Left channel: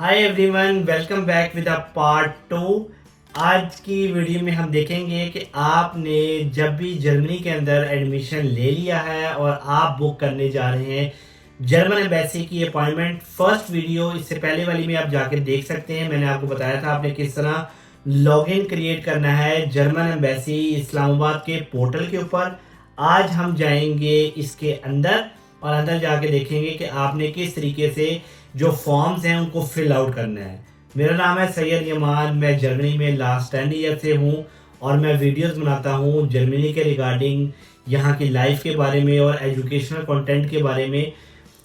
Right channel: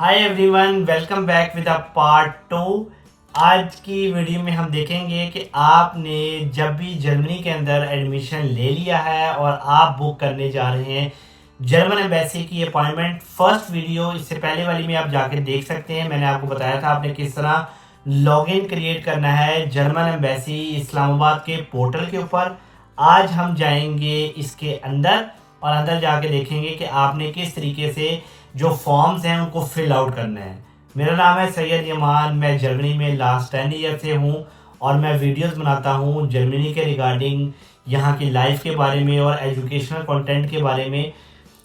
Hi everyone, welcome back with a part 2। आज की video में हम देखेंगे कि आपने जब भी जर्मनी के अंदर एडमिशन ले लिया है और आप बुक करने जा रहे हैं जर्मन एम्बेसी की अपॉइंटमेंट। फर्स्ट वीडियो इससे पहले वाली में आप जाके देख सकते हैं। मैंने आपको बताया था आपने किस तरह लॉगिन क्रिएट करना है जर्मन एम्बेसी इस्लामाबाद के पोर्टल के ऊपर। आज हम जाएंगे इसके अंदर और अंदर जाके देखेंगे कि आपने किस तरीके से जो फॉर्म्स हैं उनको फिल आउट करना है। मेरा नाम है सैयद यमान, मैं जर्मनी में लास्ट 10 ईयर से हूँ और मैं वीडियोस बनाता हूँ जर्मनी के रिगार्डिंग, यहाँ की लाइफ के बारे में और एजुकेशनल कंटेंट के बारे में,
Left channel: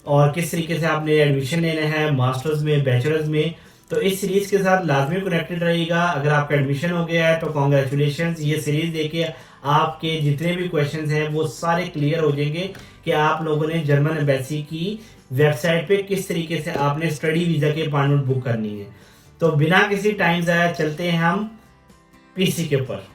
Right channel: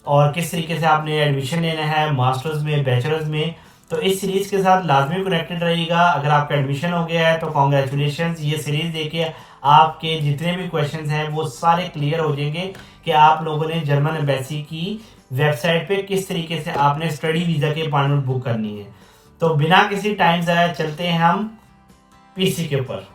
और किस तरीके से आपने एडमिशन लेना है मास्टर्स में, बैचलर्स में। तो इस सीरीज के साथ लाजमी कनेक्टेड रहिएगा। अगर आपका एडमिशन हो गया है तो कॉन्ग्रेचुलेशन। ये सीरीज देके आपके जितने भी क्वेश्चंस हैं वो सारे क्लियर हो जाएंगे कि आप लोगों ने जर्मन एम्बेसी की वेबसाइट पे किस तरीके से आपने स्टडी वीजा की अपॉइंटमेंट बुक करनी है। तो बिना किसी टाइम ज़ाया चलते हैं हम पीसी के ऊपर।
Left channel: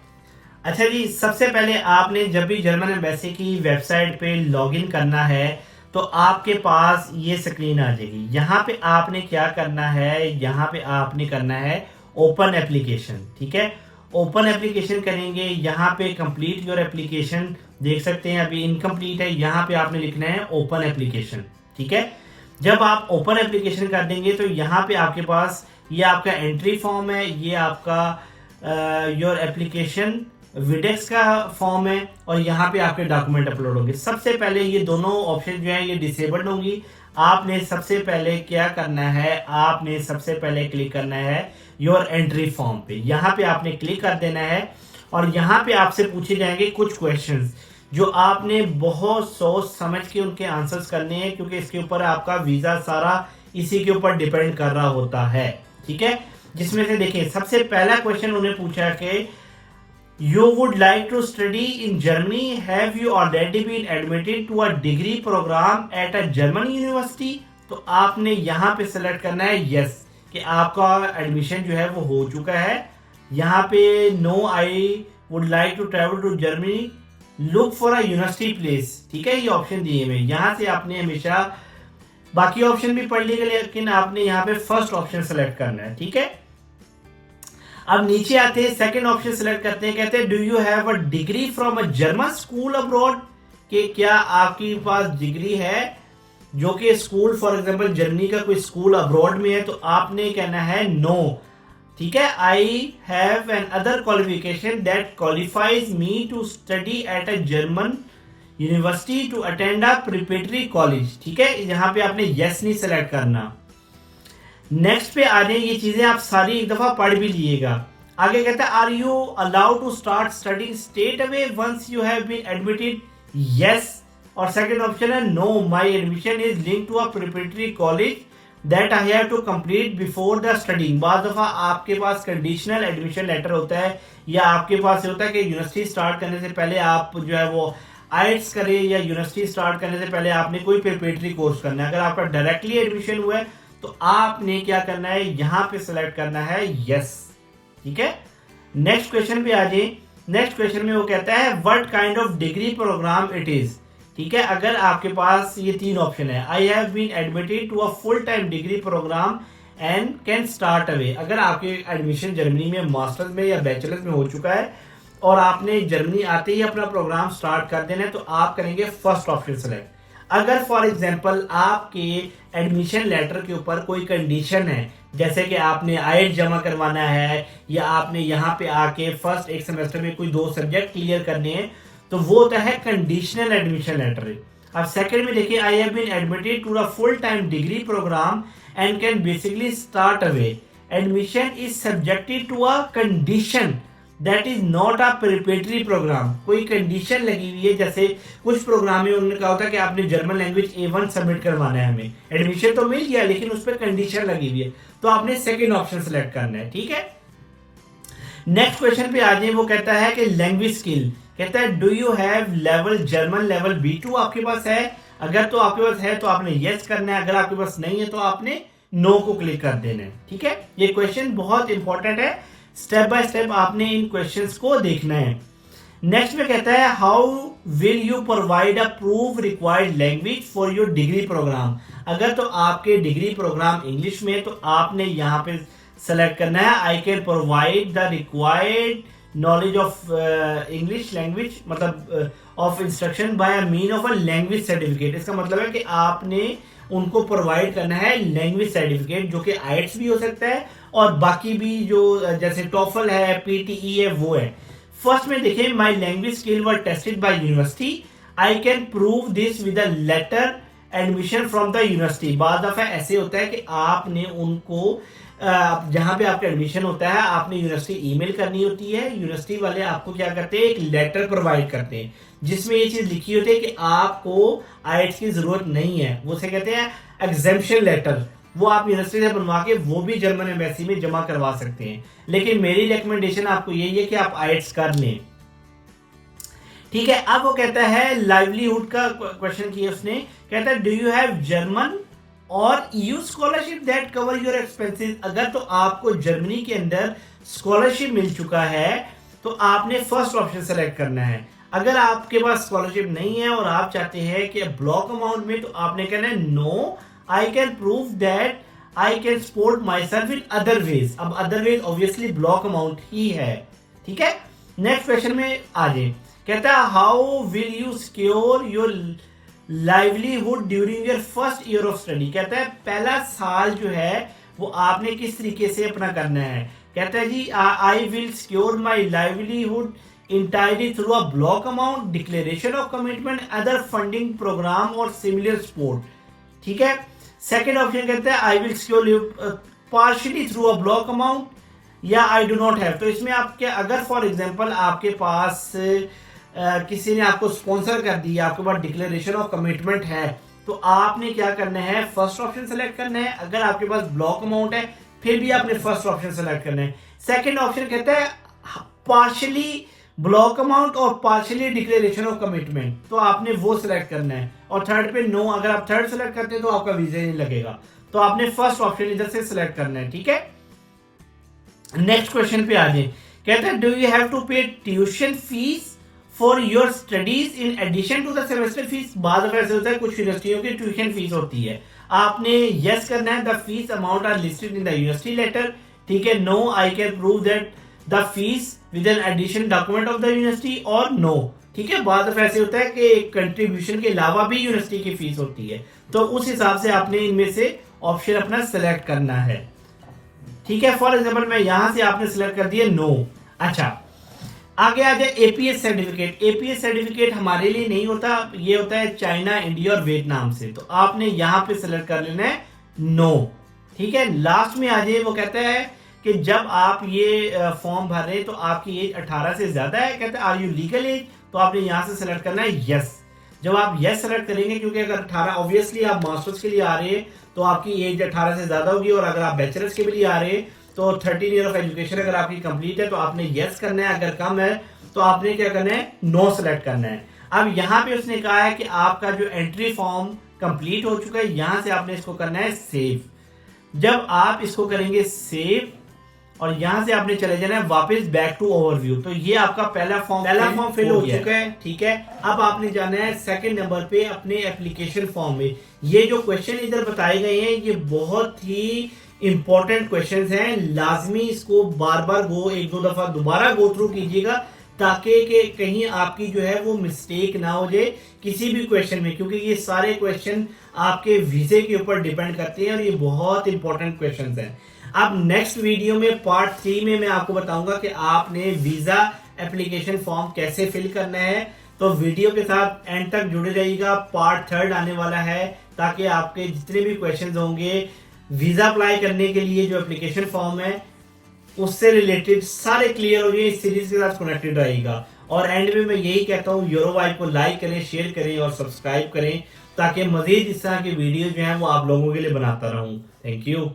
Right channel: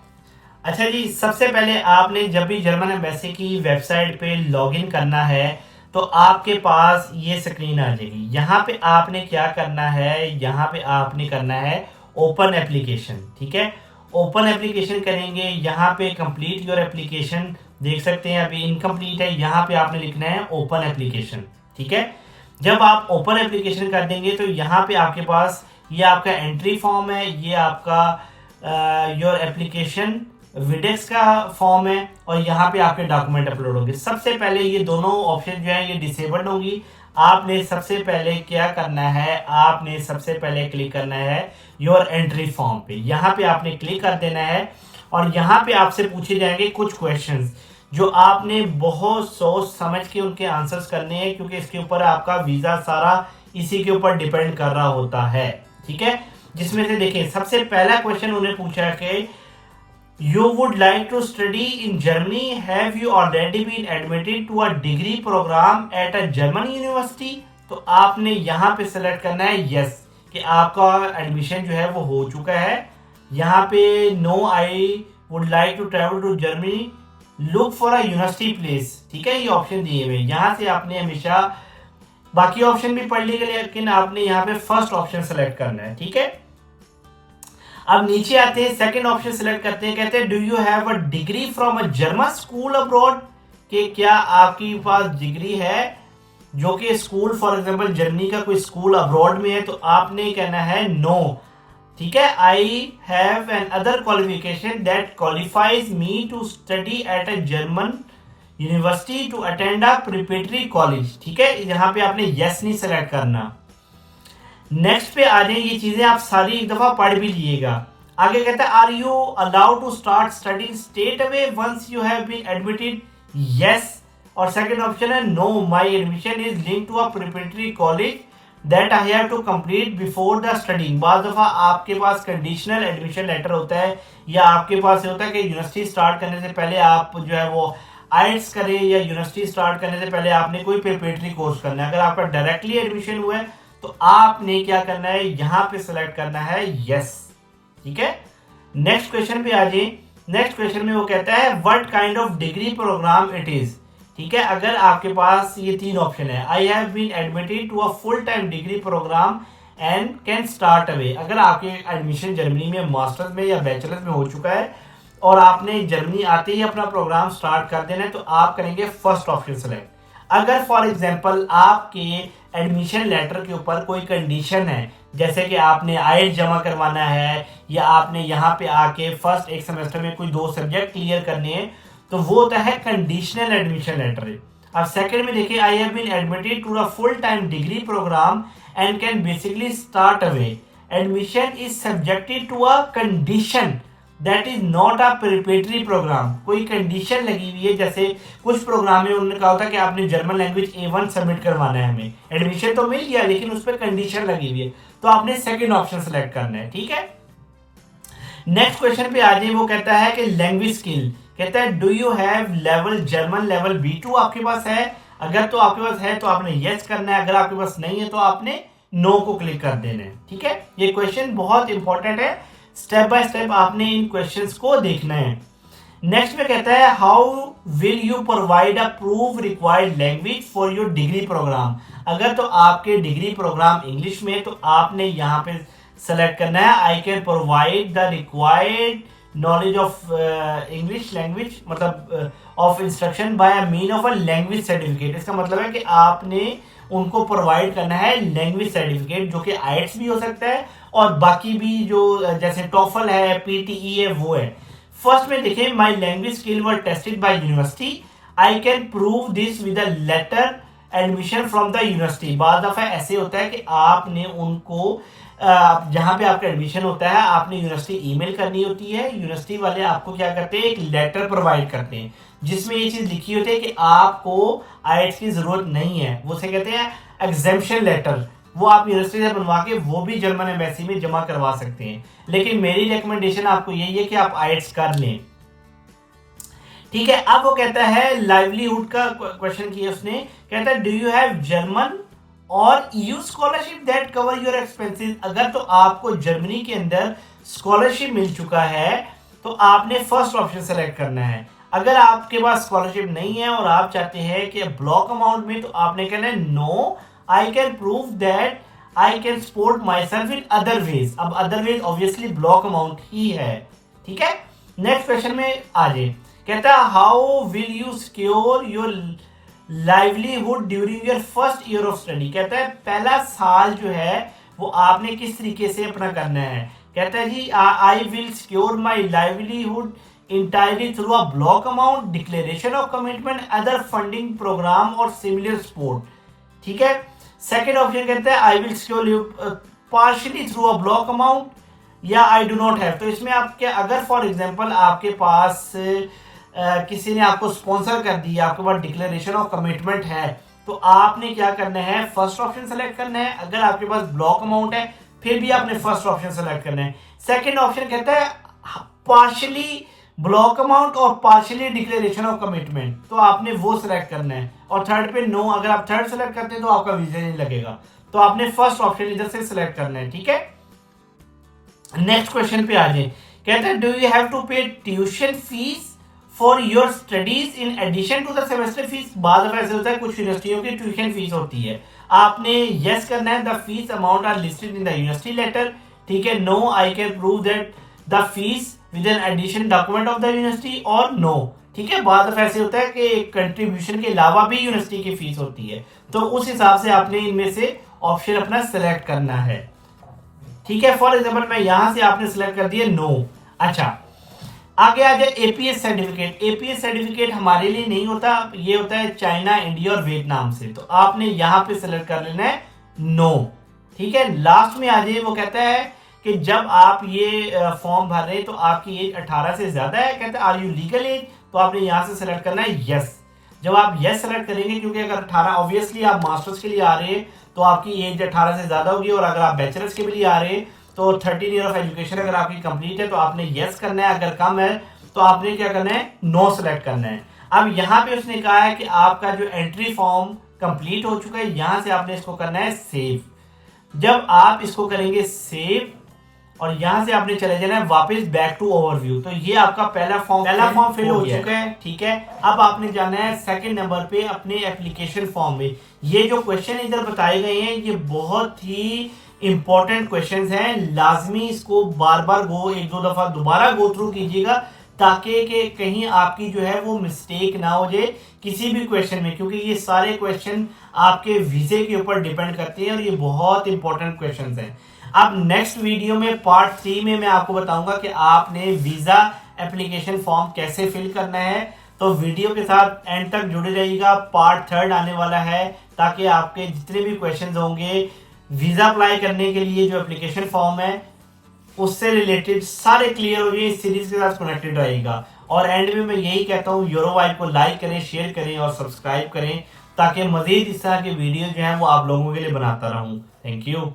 अच्छा जी, सबसे पहले आपने जब भी जर्मन एम्बेसी की वेबसाइट पे लॉगिन करना है तो आपके पास ये स्क्रीन आ जाएगी। यहाँ पे आपने क्या करना है, यहाँ पे आपने करना है ओपन एप्लीकेशन। ठीक है, ओपन एप्लीकेशन करेंगे। यहाँ पे कंप्लीट योर एप्लीकेशन देख सकते हैं, अभी इनकम्प्लीट है। यहाँ पे आपने लिखना है ओपन एप्लीकेशन। ठीक है, जब आप ओपन एप्लीकेशन कर देंगे तो यहाँ पे आपके पास ये आपका एंट्री फॉर्म है, ये आपका योर एप्लीकेशन विडेक्स का फॉर्म है और यहाँ पे आपके डॉक्यूमेंट अपलोड होंगे। सबसे पहले ये दोनों ऑप्शन जो है ये डिसेबल्ड होंगी। आपने सबसे पहले क्या करना है, आपने सबसे पहले क्लिक करना है योर एंट्री फॉर्म पे। यहाँ पे आपने क्लिक कर देना है और यहाँ पे आपसे पूछे जाएंगे कुछ क्वेश्चंस जो आपने बहुत सोच समझ के उनके आंसर्स करने हैं, क्योंकि इसके ऊपर आपका वीजा सारा इसी के ऊपर डिपेंड कर रहा होता है। ठीक है, जिसमें से देखिए सबसे पहला क्वेश्चन उन्हें पूछा कि You would like to study in Germany? Have you already been admitted to a degree program at a German university? तो आपने यहाँ पे सेलेक्ट करना है यस, कि आपका एडमिशन जो है वो हो चुका है। यहाँ पे no I would like to travel to Germany, look for a university place. ठीक है, ये ऑप्शन दिए हुए। यहाँ से आपने हमेशा बाकी ऑप्शन भी पढ़ लिए, लेकिन आपने यहाँ पे फर्स्ट ऑप्शन सेलेक्ट करना है। ठीक है, अब नीचे आते हैं, सेकंड ऑप्शन सिलेक्ट करते हैं। कहते हैं do you have a degree from a German school abroad, कि क्या आपके पास डिग्री है जो कि स्कूल फॉर एग्जांपल जर्मनी का कोई स्कूल अब्रॉड में है। तो आपने कहना है नो। ठीक है, I have an other qualification that qualifies me to study at a German university to attend a preparatory college. ठीक है, यहाँ पे आपने यस नहीं सेलेक्ट करना। नेक्स्ट पे आ जाए, ये चीजें आप सारी एक दफा पढ़ भी लिएगा। आगे कहता है are you allowed to start studying straight away once you have been admitted, yes. और सेकंड ऑप्शन है no, my admission is linked to a preparatory college that I have to complete before the studying. बाद दफा आपके पास conditional admission letter होता है, या आपके पास होता है कि यूनिवर्सिटी स्टार्ट करने से पहले आप जो है वो आइट्स करें, या यूनिवर्सिटी स्टार्ट करने से पहले आपने कोई प्रिपरेटरी कोर्स करना है। अगर आपका डायरेक्टली एडमिशन हुआ है तो आपने क्या करना है, यहां पे सिलेक्ट करना है यस। ठीक है, नेक्स्ट क्वेश्चन पे आ जाए। नेक्स्ट क्वेश्चन में वो कहता है what kind of degree programme it is. ठीक है, अगर आपके पास ये तीन ऑप्शन है, I have been admitted to a full time degree programme and can start away. अगर आपके एडमिशन जर्मनी में मास्टर्स में या बैचलर्स में हो चुका है और आपने जर्मनी आते ही अपना प्रोग्राम स्टार्ट कर देना है, तो आप करेंगे फर्स्ट ऑप्शन सेलेक्ट। अगर फॉर एग्जांपल आपके एडमिशन लेटर के ऊपर कोई कंडीशन है, जैसे कि आपने आईएलटीएस जमा करवाना है, या आपने यहाँ पे आके फर्स्ट एक सेमेस्टर में कोई 2 सब्जेक्ट क्लियर करने हैं, तो वो होता है कंडीशनल एडमिशन लेटर। अब सेकंड में देखिए I have been admitted to a full time degree programme and can basically start away. Admission is subjected to a condition that is not a preparatory programme. कोई condition लगी हुई है, जैसे कुछ programme में उन्होंने कहा होता है कि आपने जर्मन लैंग्वेज A1 सबमिट करवाना है, हमें एडमिशन तो मिल गया लेकिन उस पर कंडीशन लगी हुई है, तो आपने सेकंड ऑप्शन सेलेक्ट करना है। ठीक है, नेक्स्ट क्वेश्चन पे आ जाए। वो कहता है कि लैंग्वेज स्किल, कहता है do you have level German level B2 आपके पास है। अगर तो आपके पास है तो आपने यस करना है, अगर आपके पास नहीं है तो आपने नो को क्लिक कर देना है। ठीक है, ये क्वेश्चन बहुत इंपॉर्टेंट है, स्टेप बाय स्टेप आपने इन क्वेश्चंस को देखना है। नेक्स्ट में कहता है how will you provide a proof required language for your degree programme. अगर तो आपके डिग्री प्रोग्राम इंग्लिश में, तो आपने यहाँ पे सेलेक्ट करना है I can provide the required knowledge of English language, मतलब of instruction by a mean of a language certificate. इसका मतलब है कि आपने उनको प्रोवाइड करना है लैंग्वेज सर्टिफिकेट, जो कि आईएलटीएस भी हो सकता है और बाकी भी जो जैसे टॉफल है, पीटीई है, वो है। फर्स्ट में देखें, my language skill were tested by university, I can prove this with a letter admission from the university. बाद दफा ऐसे होता है कि आपने उनको जहां पे आपका एडमिशन होता है, आपने यूनिवर्सिटी ईमेल करनी होती है। यूनिवर्सिटी वाले आपको क्या करते हैं, एक लेटर प्रोवाइड करते हैं जिसमें ये चीज लिखी होती है कि आपको आईएलटीएस की जरूरत नहीं है। वो से कहते हैं एग्जेम्पशन लेटर। वो आप यूनिवर्सिटी से बनवा के वो भी जर्मन एम्बेसी में जमा करवा सकते हैं। लेकिन मेरी रिकमेंडेशन आपको यही है कि आप आईएलटीएस कर लें। ठीक है, अब वो कहता है लाइवलीहुड का क्वेश्चन किया उसने। कहता है डू यू हैव जर्मन और EU scholarship that cover your expenses. अगर तो आपको जर्मनी के अंदर स्कॉलरशिप मिल चुका है तो आपने फर्स्ट ऑप्शन सेलेक्ट करना है। अगर आपके पास स्कॉलरशिप नहीं है और आप चाहते हैं कि ब्लॉक अमाउंट में, तो आपने कहना है no I can prove that I can support myself in other ways. अब other ways obviously block amount ही है। ठीक है, नेक्स्ट क्वेश्चन में आ जाए। कहता है how will you secure your livelihood during your first year of study. कहता है पहला साल जो है वो आपने किस तरीके से अपना करना है। कहता है जी I will secure my livelihood entirely through a block amount, declaration of commitment, other funding program और similar support। ठीक है, सेकेंड ऑप्शन कहता है आई will secure partially through a block amount या आई डू नॉट हैव। तो इसमें आपके अगर फॉर एग्जांपल आपके पास किसी ने आपको स्पॉन्सर कर दिया, आपके पास डिक्लेरेशन ऑफ कमिटमेंट है, तो आपने क्या करना है, फर्स्ट ऑप्शन सेलेक्ट करना है। अगर आपके पास ब्लॉक अमाउंट है फिर भी आपने फर्स्ट ऑप्शन सेलेक्ट करना है। सेकेंड ऑप्शन कहता है पार्शियली ब्लॉक अमाउंट और पार्शियली डिक्लेरेशन ऑफ कमिटमेंट, तो आपने वो सिलेक्ट करना है। और थर्ड पे नो, अगर आप थर्ड सेलेक्ट करते हैं तो आपका वीजा नहीं लगेगा, तो आपने फर्स्ट ऑप्शन इधर से सिलेक्ट करना है। ठीक है, नेक्स्ट क्वेश्चन पे आ जाए। कहता है do you have to pay tuition fees for your studies in addition to the semester fees. बाद में ऐसे होता है कुछ यूनिवर्सिटियों की ट्यूशन फीस होती है, आपने यस करना है the fees amount are listed in the university letter. ठीक है, no I can prove that the fees with an addition document of the university और नो। ठीक है, बाद में ऐसे होता है कि कंट्रीब्यूशन के अलावा भी यूनिवर्सिटी की फीस होती है, तो उस हिसाब से आपने इनमें से ऑप्शन अपना सिलेक्ट करना है। ठीक है, फॉर एग्जाम्पल मैं यहां से आपने सिलेक्ट कर दिया नो। अच्छा, आगे आ जाए एपीएस सर्टिफिकेट। एपीएस सर्टिफिकेट हमारे लिए नहीं होता, ये होता है चाइना, इंडिया और वियतनाम से, तो आपने यहां पे सिलेक्ट कर लेना है नो। ठीक है, लास्ट में आ जाए। वो कहता है कि जब आप ये फॉर्म भर रहे हैं तो आपकी एज 18 से ज्यादा है। कहते हैं आर यू लीगल एज, तो आपने यहां से सिलेक्ट करना है यस। जब आप यस सेलेक्ट करेंगे, क्योंकि अगर 18 ऑब्वियसली आप मास्टर्स के लिए आ रहे हैं तो आपकी एज 18 से ज्यादा होगी, और अगर आप बैचलर्स के लिए आ रहे हैं तो 13 ईयर ऑफ एजुकेशन अगर आपकी कंप्लीट है तो आपने यस करना है। अगर कम है तो आपने क्या करना है, नो सेलेक्ट करना है। अब यहाँ पे उसने कहा है कि आपका जो एंट्री फॉर्म कंप्लीट हो चुका है, यहां से आपने इसको करना है सेव। जब आप इसको करेंगे सेव और यहां से आपने चले जाना है वापस बैक टू ओवरव्यू, तो ये आपका पहला फॉर्म फिल हो चुका है। ठीक है, अब आपने जाना है सेकंड नंबर पे अपने एप्लीकेशन फॉर्म में। ये जो क्वेश्चन इधर बताए गए हैं ये बहुत ही इंपॉर्टेंट क्वेश्चंस हैं, लाजमी इसको बार बार एक दो दफा दोबारा गो थ्रू कीजिएगा, ताकि कि कहीं आपकी जो है वो मिस्टेक ना हो जाए किसी भी क्वेश्चन में, क्योंकि ये सारे क्वेश्चन आपके वीजे के ऊपर डिपेंड करते हैं और ये बहुत इंपॉर्टेंट क्वेश्चंस हैं। अब नेक्स्ट वीडियो में पार्ट 3 में मैं आपको बताऊंगा कि आपने वीजा एप्लीकेशन फॉर्म कैसे फिल करना है, तो वीडियो के साथ एंड तक जुड़े रहिएगा। पार्ट 3 आने वाला है, ताकि आपके जितने भी क्वेश्चंस होंगे वीजा अप्लाई करने के लिए जो एप्लीकेशन फॉर्म है उससे रिलेटेड सारे क्लियर हो गए, इस सीरीज के साथ कनेक्टेड रहेगा। और एंड में मैं यही कहता हूँ, यूरो वाइब को लाइक करें, शेयर करें और सब्सक्राइब करें, ताकि मजीद इस तरह की वीडियो जो है वो आप लोगों के लिए बनाता रहूं। Thank you.